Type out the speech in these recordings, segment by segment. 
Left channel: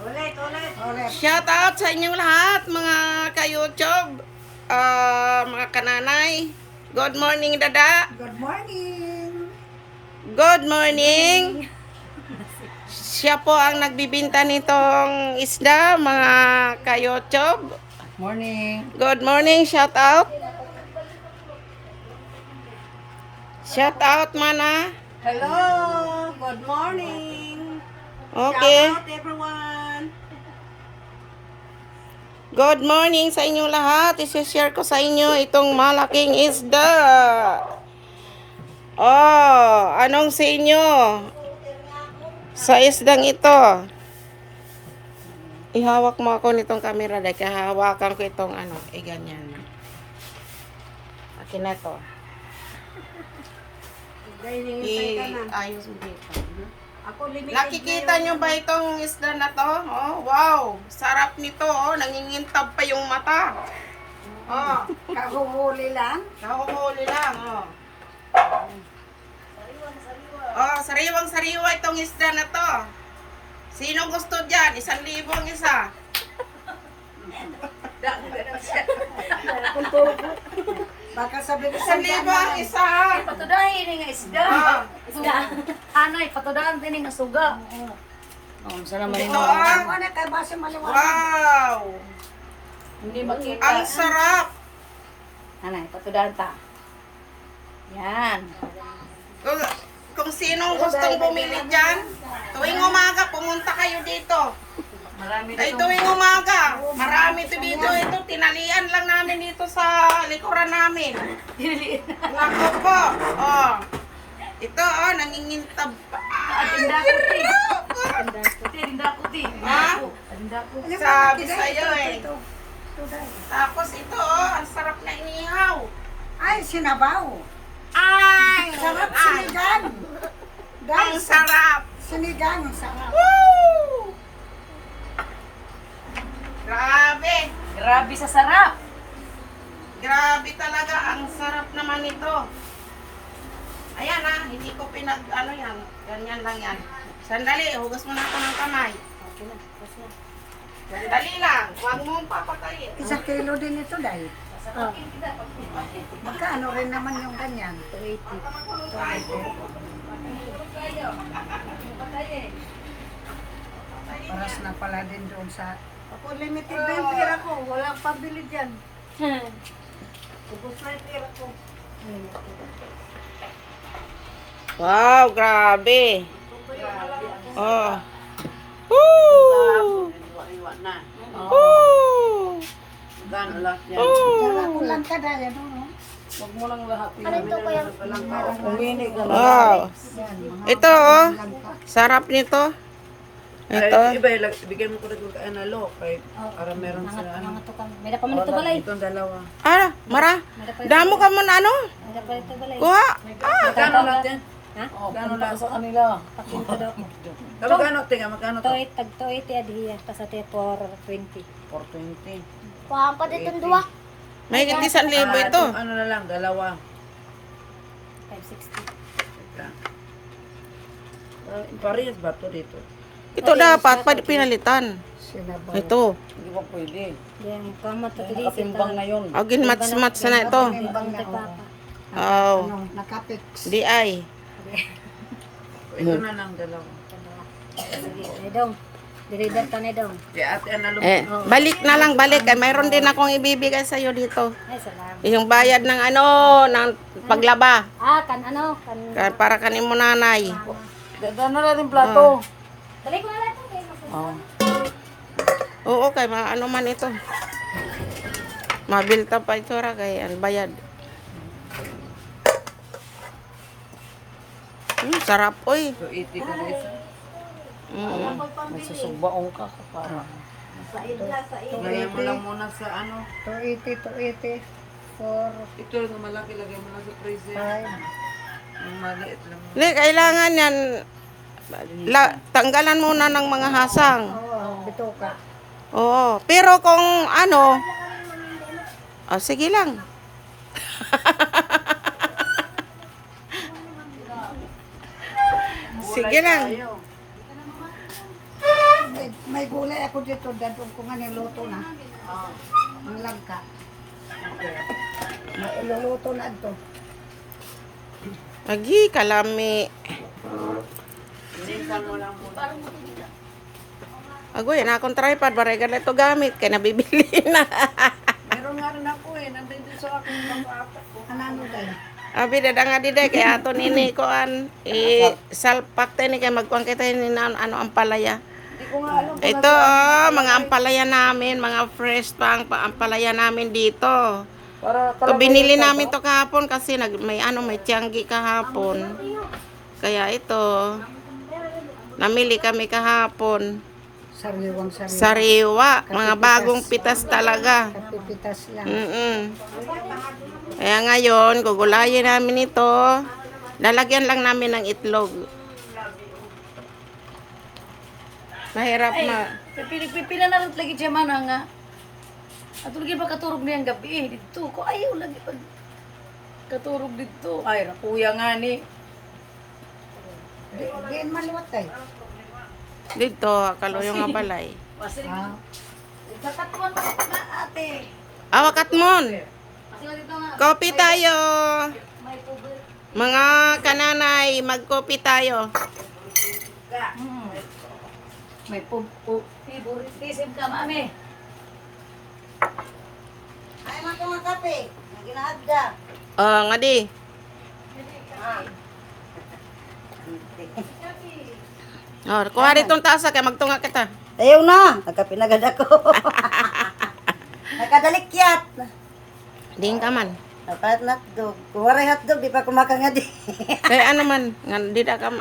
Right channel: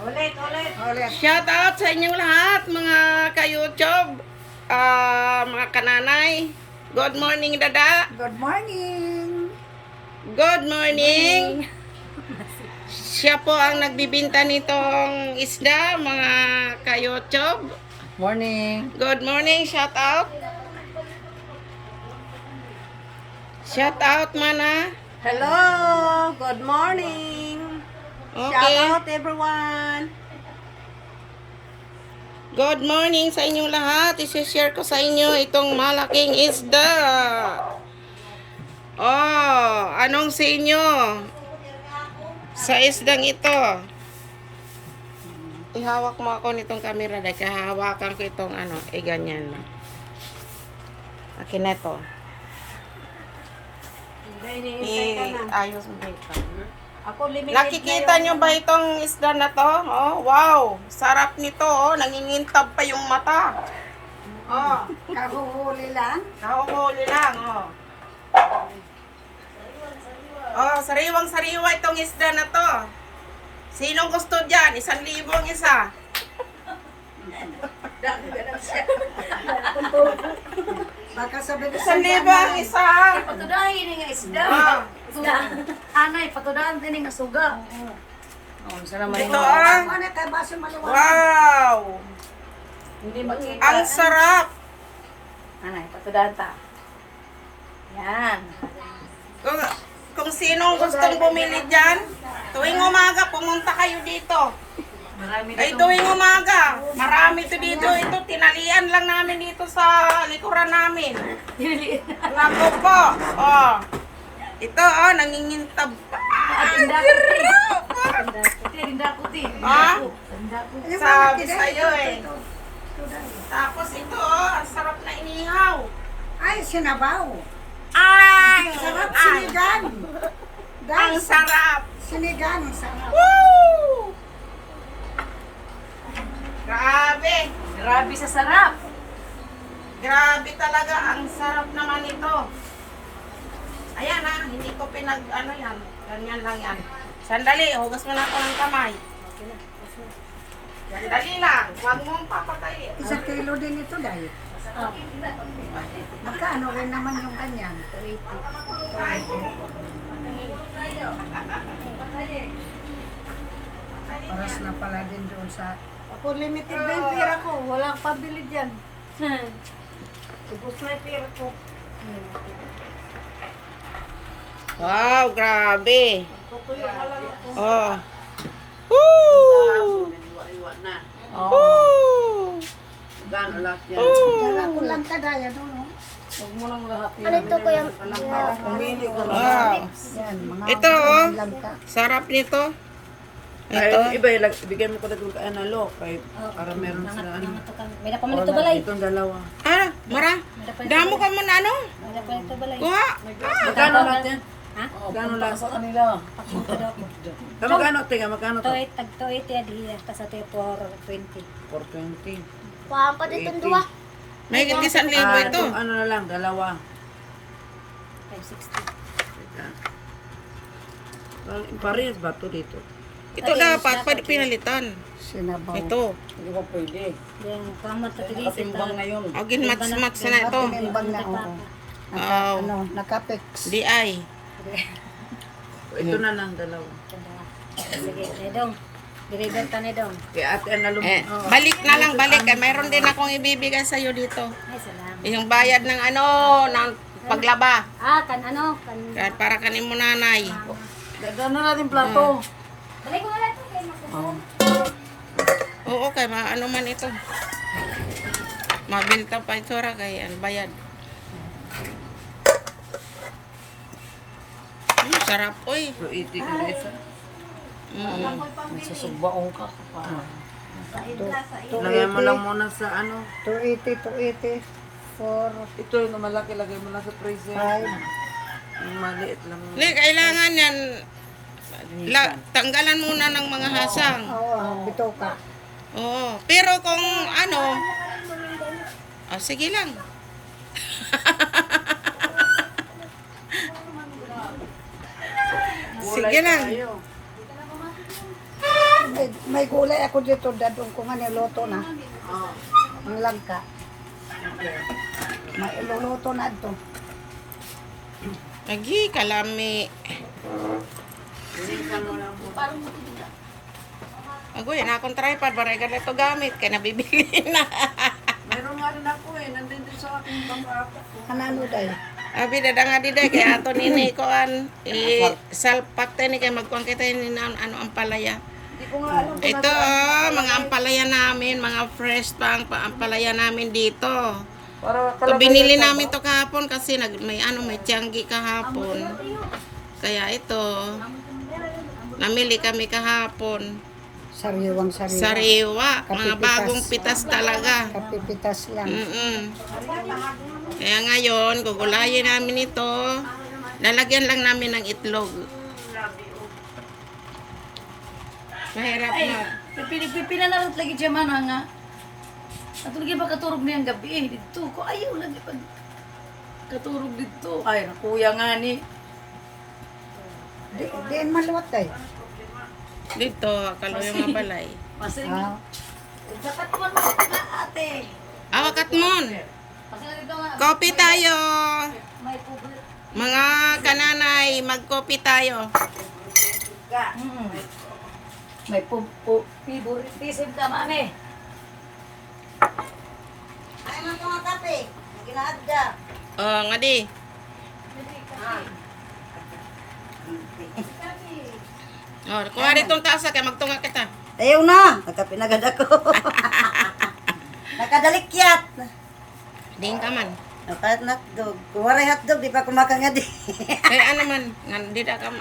Ulit. Shout out sa inyong lahat, mga ka-YouTube, mga kananay. Good morning, Dada. Good morning. Good morning. Siya po ang nagbibinta nitong isda, mga ka-YouTube. Morning. Good morning, shout out. Shout out, mana. Hello. Good morning. Okay. Shout out everyone. Good morning sa inyong lahat. I-share ko sa inyo itong malaking isda. Oh, anong sa inyo? Sa isdang ito. Ihawak mo ako nitong camera dahil kahawakan ko itong ganyan. Akin na ito. Ayos mo dito. Nakikita nyo ba itong isda na to? Oh, wow! Sarap nito, oh. Nangingintab pa yung mata. Oh, Kahuhuli lang. nahuhuli lang, oh. Oh, sariwang-sariwa itong isda na to. Sinong gusto dyan? 1,000 ang isa. Baka sabi ko 1,000 ang isa. Patudahin ni nga isda. Ah. Isda. Anay, patudahan din nga suga. Ito, ah. Ano ka base maliwanag? Wow! Hindi makita. Ang sarap. Anay, patudahan ta. Yan. Kung sinong gustong bumili dyan, tuwing umaga, pumunta kayo dito. Marami Ay, tuwing umaga, marami to dito. Ito, tinalian lang namin dito sa likuran namin. Nako po. Oh. Ito, oh, nangingintab pa. Tinda ko ti. Tinda ko ti. Ah? Tinda ko. Sabi sa'yo eh. Tapos ito, oh, ang sarap na inihaw. Ay, sinabaw. Ay! Sarap Ay! sinigang. Ang Guys, sarap! sinigang, sarap. Woo! Grabe! Grabe sa sarap. Grabe talaga, ang sarap naman ito. Ayan ah, hindi ko yan. Ganyan lang yan. Sandali, hugas mo na ako ng kamay. Sandali lang, huwag mo papatayin. 1 kilo din ito dahil. Magkano rin naman yung ganyan? 280. Oras na pala din doon sa... Ako limited na yung pera ko. Walang pabili dyan. Ubus na yung pera ko. Wow, grabe. Oh. Woo! Woo! Ako lang ka daya doon. Huwag mo lang lahat yun. Ano ito ko yung... Wow. Yan, mga Ito oh, langka. sarap nito. Ay, Ito. iba, ibigay mo ko na kung kaanalo, kay para meron sila ano. May napamanito balay. Itong dalawa. Ah, Mara. Damo ka mo na ano? May napamanito balay. Kuha. Ah, Magkano lahat yan? Ha? Magkano lahat? Kanila. Pakita ko. Magkano? Tinga, magkano to? Tag 280 adhiya kasate for 20. 420. Paan pa dito dua? may 1,000 ito. itong ano na lang, dalawa. 560. Teka. Parehas ba to dito? Ito dapat pinalitan. Sinabaw. Ito. Hindi ko pwede. Yan, kamat ka dili sa na yun. Agin mats-mats na ito. Timbang na ako. Wow. Ano, nakapex. Di ay. Ito na lang, dalawa. Sige, nedong. Deliver ta nedong. Kaya ate Analo, Balik na lang, balik. Ay, mayroon din akong ibibigay sa'yo dito. Ay, salamat. Yung bayad ng ng paglaba. Kan ano? Kan Para kanin mo nanay. gagano natin plato. balik ko na lang ito. Oh. Oo, kay maano man ito. Mabinta pa ito ra kay ang bayad. Sarap oy. 280 ka na isa. Nasusubaong ka pa. Lagay mo lang muna sa ano. 280. Ito yung malaki, lagay mo lang sa freezer. Yung maliit lang. Li, kailangan yan tanggalan muna ng mga hasang. Oo, bito ka. Oo, pero kung sige lang. Sige lang. May gulay ako dito, dadong ko nga niluto na. Oo. Ang langka. Okay. May iluluto na ito. Lagi, kalami. Sinisan mo lang po. Agoy, na akong tripod, baregal ito gamit, kaya nabibili na. Meron nga rin ako eh. Nandun din sa akin mga apat ko. Kanano dahil? Abi, dada nga di day, kaya ato nini ko salpak tayo ni kaya magkuhan kita ni ano ang palaya. Hindi ko nga alam. Ito, mga ampalaya namin, mga fresh pang ampalaya namin dito. Para To binili namin to kahapon kasi may tianggi kahapon. Kaya ito, namili kami kahapon. Sariwang sariwa. Sariwa, mga Kapipitas. bagong pitas talaga. Kapipitas lang. Kaya ngayon, gugulayin namin ito. Lalagyan lang namin ng itlog. Mahirap na. Pipila na lang lagi siya mana nga. At lagi ba katurog niyang gabi eh. Dito ko ayaw lagi pag katurog dito. Ay, nakuya nga ni. Diin maluwat tayo. Dito, kaluyong nga balay. Kasi Ah, sakat mo na ate. Awakat mon. Kasi lagi ka nga. Kopi tayo. May pobre. Mga kananay, magkopi tayo. May favoritism ka mami. ay man ka mga kape. Naginaagda. Nga di. Kuha rin itong tasa kaya magtunga kita. Ayaw na. Nagkapinagad ako. Nakadalikyat. Ding ka man. Napalat na hotdog. Kung waray hotdog, di pa kumakang nga di. Kaya ano man, di na ka,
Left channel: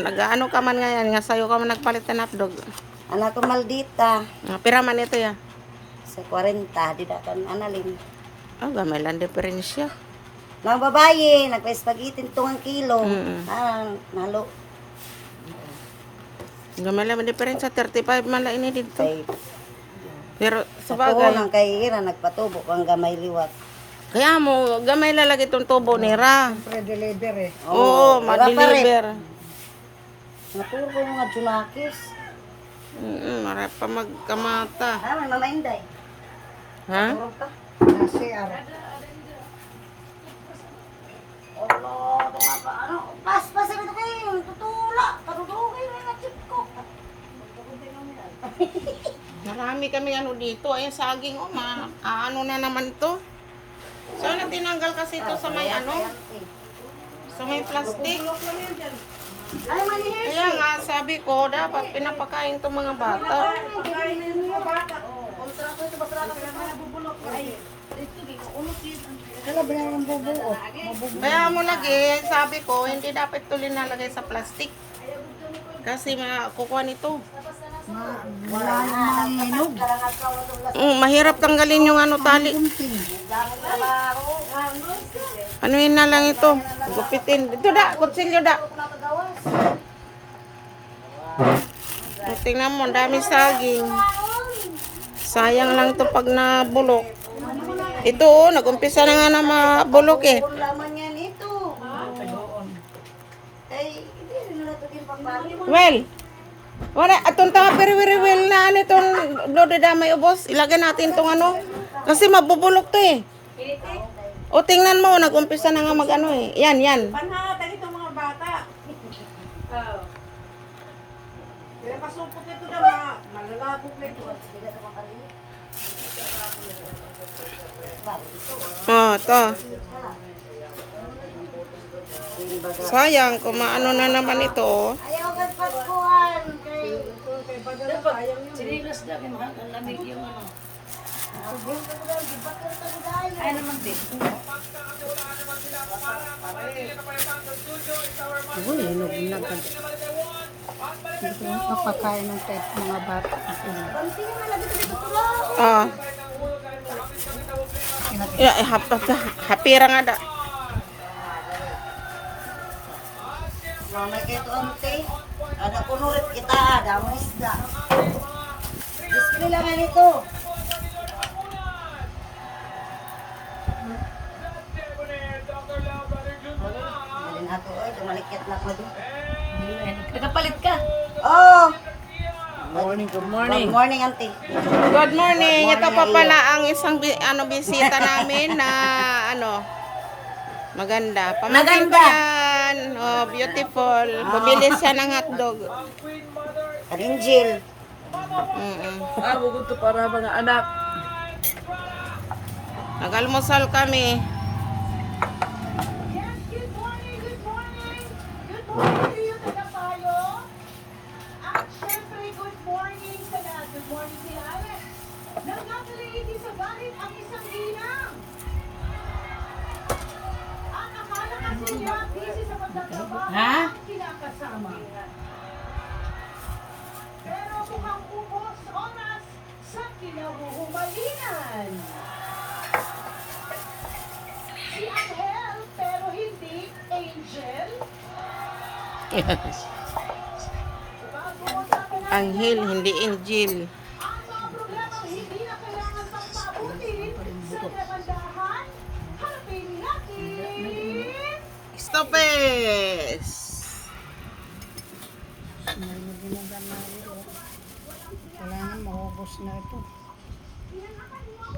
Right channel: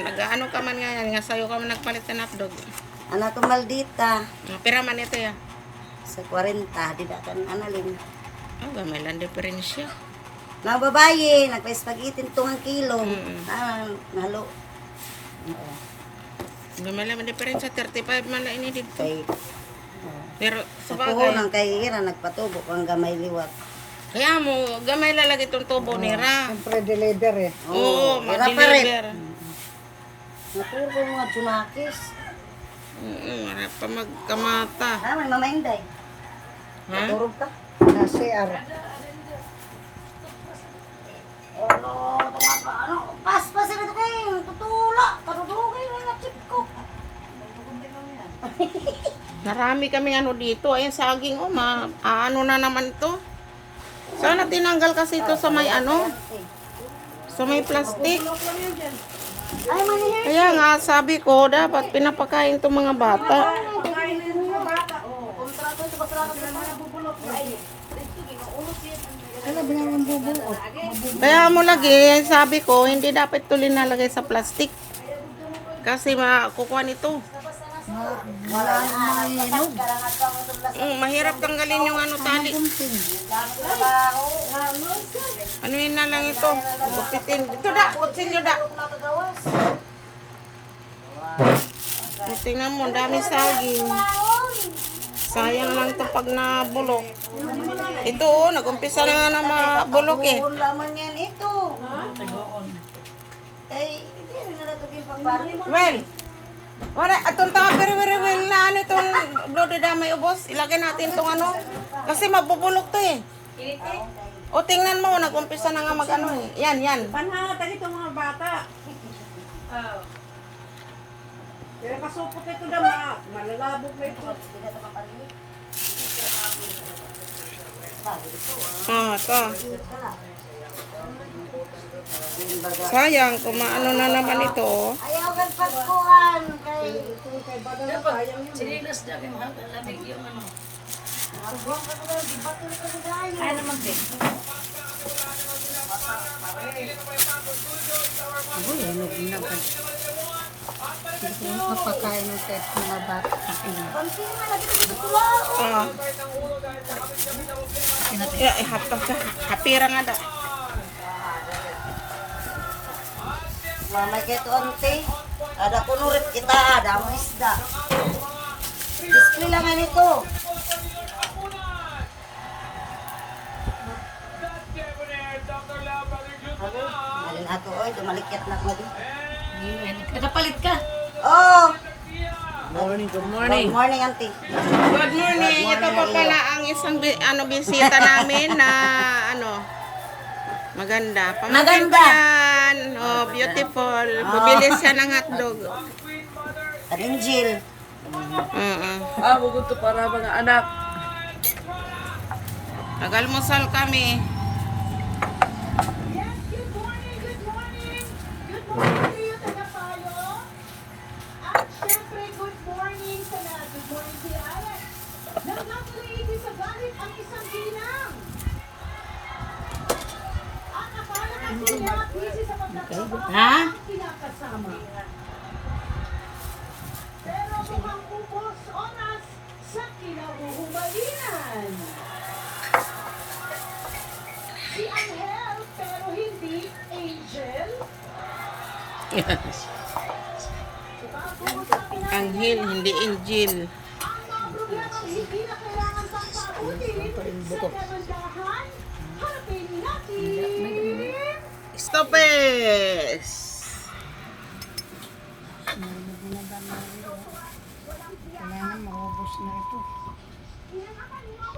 nag-ano ka man ngayon, nga sa'yo ka man nagpalit ng hotdog. Anak ko maldita. Pira man ito ya. Sa 40, di na kan analin. Gamay lang diferensya. Nang babae, nagpa-spaghetti 2 kilo. Mm. Nalo. Gamay lang diferensya, 35 man lang ini dito. Kay, Pero sa sa tuho bagay, ng kay Ira, nagpatubo ko ang gamay liwat. kaya mo, gamay lalagay itong tubo ni Ra. Pre-deliver eh. Oo, ma-deliver. Naturo ko mga junakis. Marap pa magkamata. May mamainday. Ha? Turog ka. Kasi ano, pas sila na kayo. Tutula. Katutugay mo yung chip ko. Marami kami ano dito. Ayan saging, ano na naman to. Sana tinanggal kasi ito sa may sa may plastic. Ay, manihin. Kaya nga sabi ko, dapat pinapakain itong mga bata. Kala ba yung bubuot? Kaya mo lagi, sabi ko, hindi dapat ito linalagay sa plastic. Kasi makukuha nito. Wala na hinog. Mahirap tanggalin yung tali. Ano yun na lang ito? Gupitin. Dito da, kutsilyo da. Tingnan mo, ang dami saging. Sayang lang ito pag nabulok. Ito, nag-umpisa na nga na mabulok eh. Laman yan ito. Ay, hindi na natugin pagbalik. Well, wala, atong tawa very well na itong blood damay ubos. Ilagay natin itong kasi mabubulok to eh. O tingnan mo, nag-umpisa na nga mag eh. Yan. Panhatan itong mga bata. Pero pasupot ito na malalabog na ito. To. Sayang, kung maano na naman ito. Ayaw kang pagkuhan. Sinilas dami mahal. Lamig yung Ay naman din. Hindi ko napakain ng kahit mga bata. Hapira nga da. Mamay kay konti. Ada kunurit kita, ada mo isda. Gusto nila man ito. Malin ato, oy, dumalikyat na ko. Kita palit ka. Oh! Morning, good morning. Morning, auntie. Good morning. Ito pa pala ang isang bisita namin na maganda. Pamangkin ko yan. Oh, beautiful. Bumili siya ng hotdog. Rinjil. Bugod to para mga anak. Nag-almusal kami. Siyempre, good morning sa lahat. Good morning, si Alex. Nagkakalaigi sa galit ang isang ginang. At akala kasi niya, busy sa pagtatrabaho ang kinakasama. Pero mukhang ubos oras sa kinahuhumalingan. Si Angel, pero hindi Angel. Anghel, hindi angel. Ang mga problema hindi na kailangan pang paabutin sa kamandahan. Harapin natin! Stopes! Kailangan maubos na ito.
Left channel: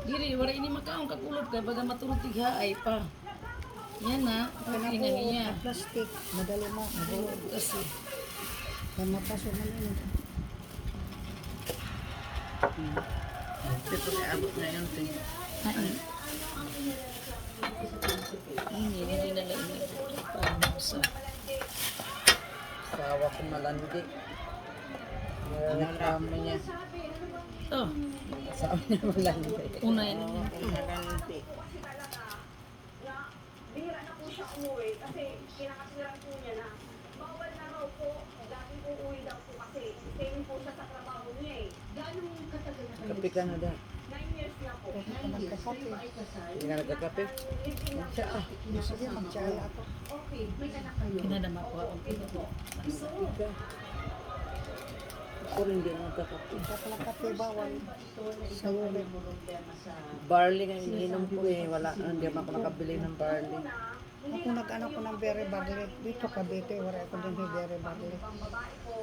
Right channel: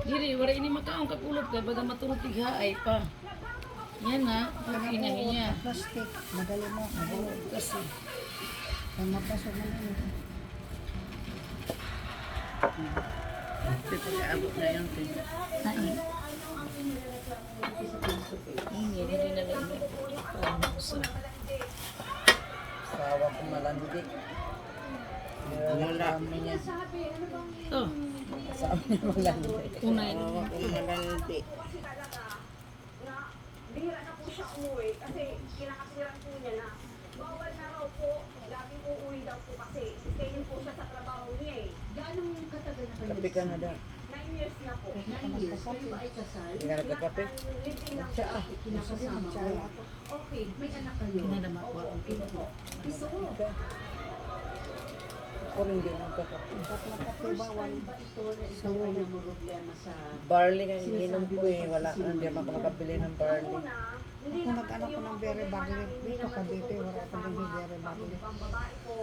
Dili, wala ini makaong kakulot kay baga maturog tigha ay pa. Yan na, pagkinahin niya. Plastic. Madali mo. Mabuhod kasi. Kaya mapasok na yun. Abot na yan. Hindi na lang. Sawa ko malandi. Nalaman niya. Oh, Sawa niya malandi. unay. Malandi. Bihira na po siya umuwi kasi kinakasiran po niya na bawal na raw po, laging uuwi daw po kasi stay po siya sa trabaho niya eh. Gano'ng katagal na Kape ka na daw. 9 years na po. 9 years po ay kasal. Hindi na nagkakape. Siya ah. Okay, may anak kayo. Kinadama ko. Ako rin hindi nagkakape. Kape bawal. Barley nga ininom ko eh. Wala ka. Hindi ako makabili ng barley. Ako nag-ano ko ng berry barley. Dito Cavite, wala ako din yung berry barley.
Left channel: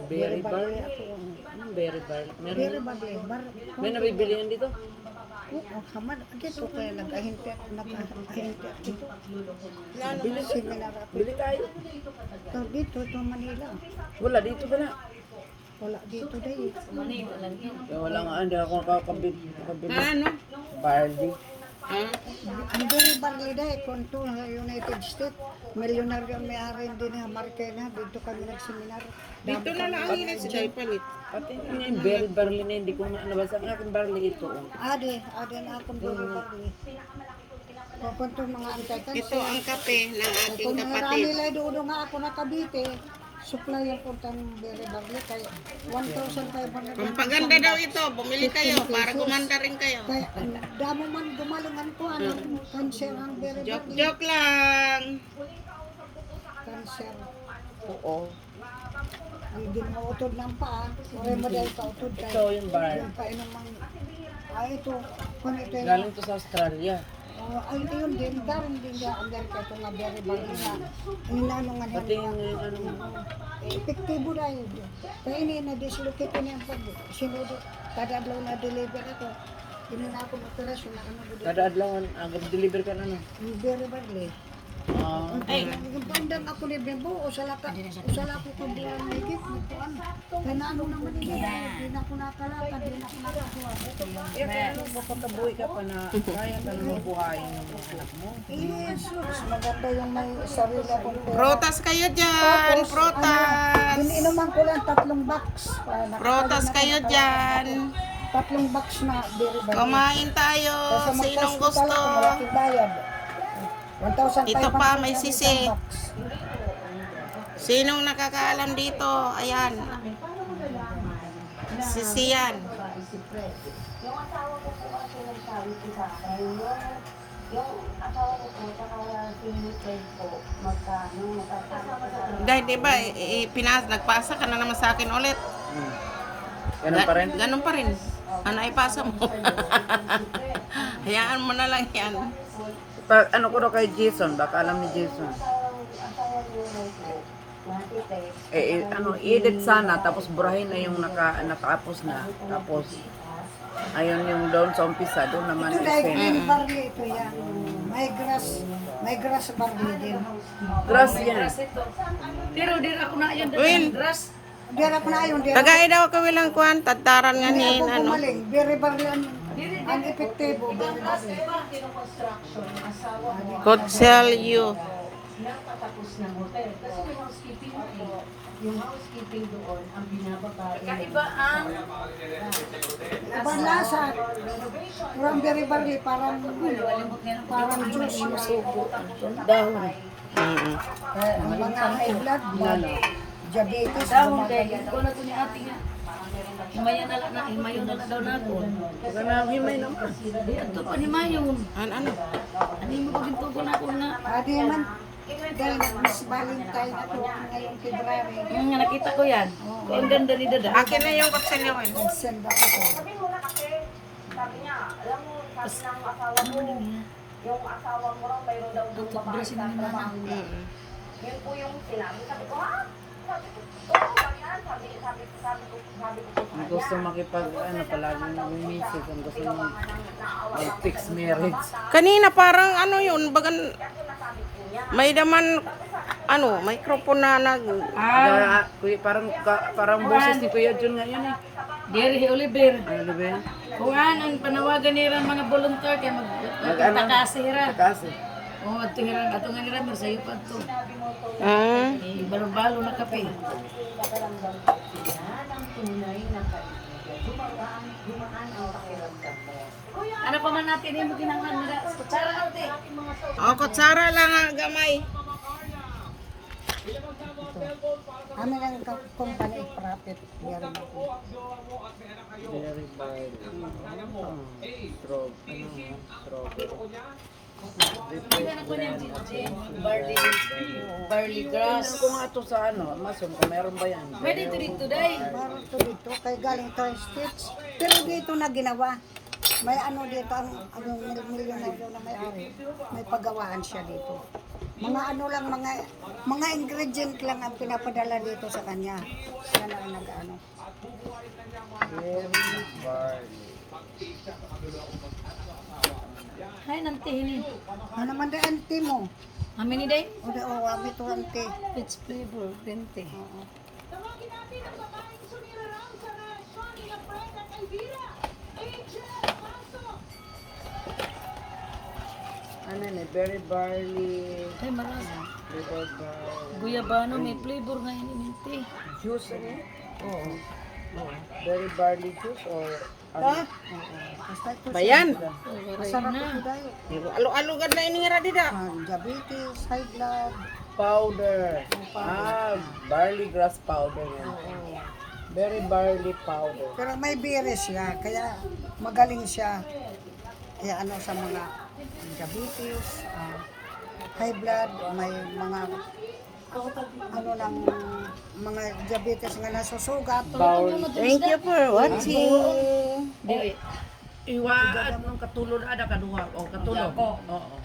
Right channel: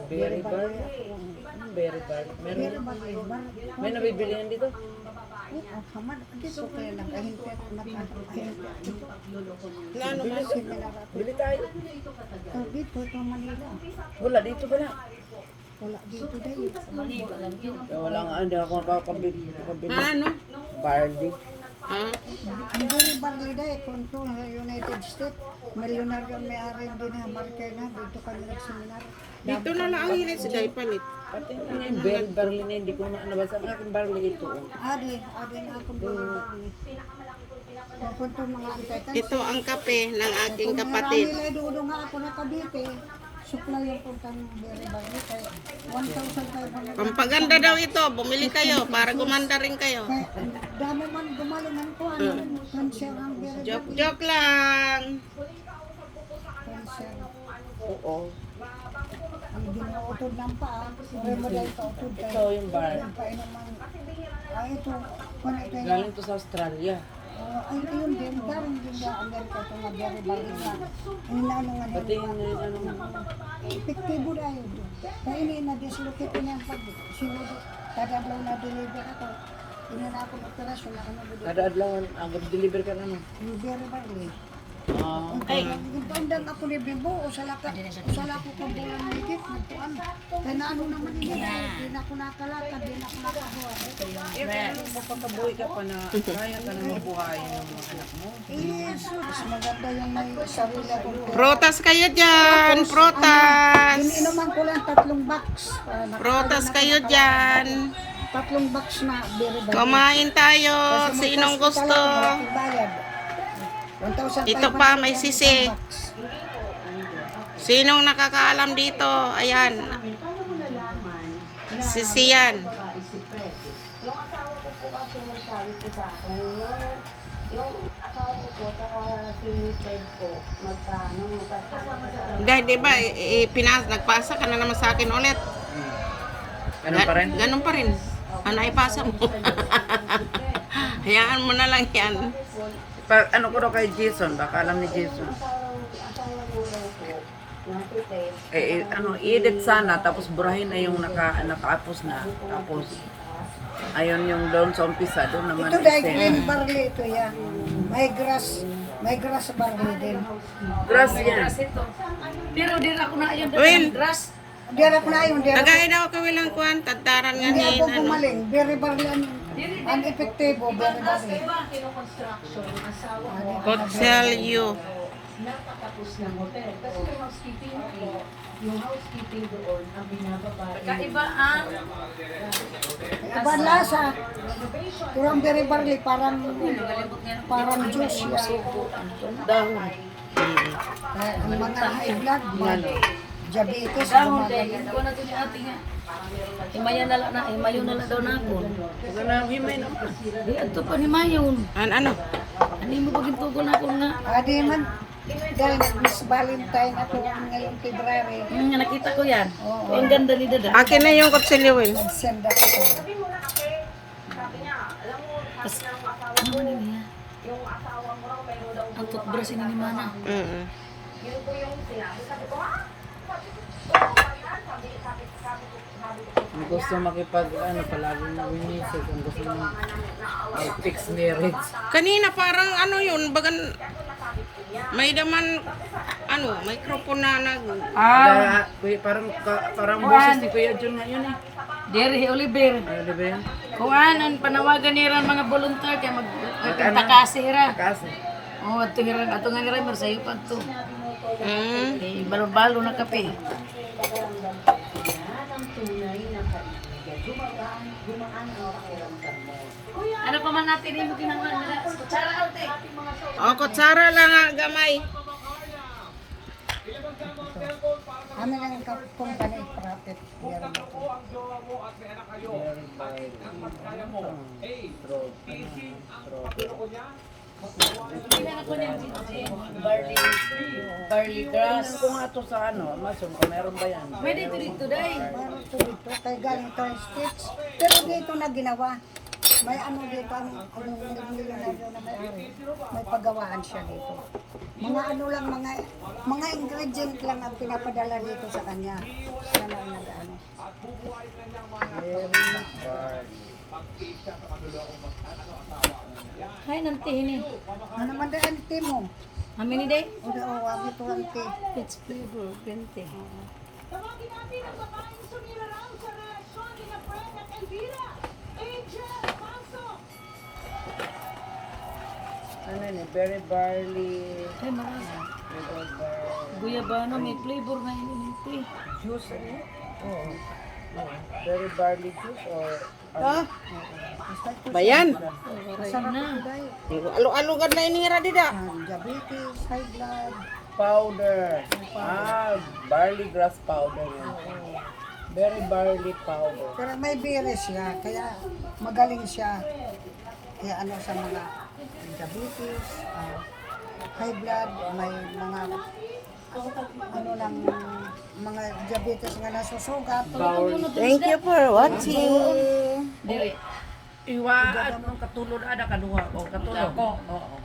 Berry barley? Anong berry barley? Berry Meron? barley. May nabibili yan dito? Ang hamad. Dito kaya lang kahintet. Nakahintet. Bili, bili tayo. Dito, ito Manila. Wala dito wala. Wala dito dahil. Kaya wala nga. Hindi ako nakakabili. Ano? Barley. Ang berry barley dahil kung ito sa United States, milyonaryo ang may-ari din ng Marikina. Dito kami nag-seminar. Dito na lang ang hilis siya ipalit. Pati nga yung berry barley na hindi ko na nabasa. Ang aking barley ito. Ade na akong berry barley. Kung ito mga itakan. Ito ang kape ng aking Kung kapatid. marami nila doon nga ako nakabite, supply yung puntang berry barley. Kaya 1,500. Pampaganda daw ito. Bumili kayo para gumanda rin kayo. Kaya ang dami man gumalingan ko. Cancer ang berry Joke, barley. joke lang. Cancer. Oo. Ang ginautod ng paa. Hindi mo dahil kautod. Ito yung bar. Kaya naman. Ito. Kung ito yung Galing to sa Australia. ay, ito yung din. Galing din niya Amerika ito nga berry barley na. Ang nano nga niya. Pati yung ano nga. Epektibo na yun. Kaya ini na-dislocate niya ang pag sinudo. Kadadlaw na deliver ako. Inuna ako ng operasyon na ano. Kada adlaw ang deliver ka na no. Yung berry barley. Yung pandang ako ni Bimbo, o sala ko kung di ang higit, nagpuan. Kaya na ano naman hindi na ako nakalakad, hindi na ako nakakuha. Nakakabuhay ka pa na kaya ka na mabuhayin ng mga anak mo. Yes, mas maganda yung may sarili ako. Protas kayo dyan. Protas. Hindi naman ko lang 3 box. Protas kayo dyan. 3 box na berry barley. Kumain tayo. Kasi may Sinong kasto gusto? talaga, bakit bayad? 1,500 Ito pa, may sisi. box. Sinong nakakaalam dito? Ayan. Sisi yan. Yung asawa ko po kasi nagsabi po sa akin, yung asawa ko po, saka si Fred po, magkano, magkasama ka sa Dahil di ba, nagpasa ka na naman sa akin ulit. Ganun pa rin? Ganun pa rin. Ano ipasa mo? Hayaan mo na lang yan. Pag ano ko daw kay Jason, baka alam ni Jason. asawa niyo po. edit sana, tapos burahin na yung nakaapos na. Tapos, ayun yung doon sa umpisa, doon naman. Ito dahil i-send. green barley ito yan. May grass barley din. Grass yan. Pero di ako na yun. Will. Grass. Dira ko na yun, dira. Tagay daw ka wilang kuan, tadtaran nga Hindi ni ako ano. gumaling. Very barley ang epektibo, very barley. Could sell you. Kaiba ang Iba lasa. Pero ang very barley, parang juice siya. dahon. Mm. Ang mga high blood, diabetes, Dahon kay gumagaling. ko na to ni ate nga. Himayon na lang daw na ako. Himay naman. Di ato pa ni Mayon. Ano? Ano mo paging tugol na ako na? Adi man, dahil nag-Miss Valentine ako ngayong February. Nakita ko yan. Ang ganda ni Dada. Akin na yung kutsilyo, Will. Nag-send ako to. Ano na niya? Ang toothbrush ni Mama. Mm. Ang gusto makipag, palagi nag-message, ang gusto mo fix marriage. Kanina parang ano yun, bagan may daman ano, microphone na nag Kaya, parang boses ni Kuya Jun na yun eh. Jerry Oliver. Di ba yan? Kuan ang panawagan nila mga volunteer kay magtakasi ra. Kasi, Oh, ato nga nira sayo pa to. Ah, Eh, balo-balo na kape. Ano pa man natin yung ginawa nila? Kutsara ate. oh, kutsara lang nga gamay. Ano lang yung company profit. Meron ito. Hindi na ko niyan barley grass. kung ato sa mason, kung meron ba yan? Pwede dito day. Meron ito dito. Kaya galing ito yung States. Pero dito na ginawa. May ano dito, ang milyonario na may-ari. May paggawaan siya dito. Mga ano lang, mga ingredient lang ang pinapadala dito sa kanya. Siya na ang nag-ano. Hay nanti ini. Ano naman din ang tea mo? Amin ni day. Hindi, wag ito ang tea. Peach flavor, green Ano yun eh, berry barley, Ay, marami. berry barley, Guyabano, may flavor nga ini ni tea. juice ano yun? Oo. Berry barley juice or Bayan. Masarap na. Alo-alugad na inira dida. Diabetes, high blood. powder. Barley grass powder yun. Berry barley powder. Pero may virus siya, kaya magaling siya. Kaya ano sa mga diabetes, high blood, may mga ano ng mga diabetes nga nasusugat. Thank you for watching. Diri. Iwa, katulog ada kaduha o katulog. Oo.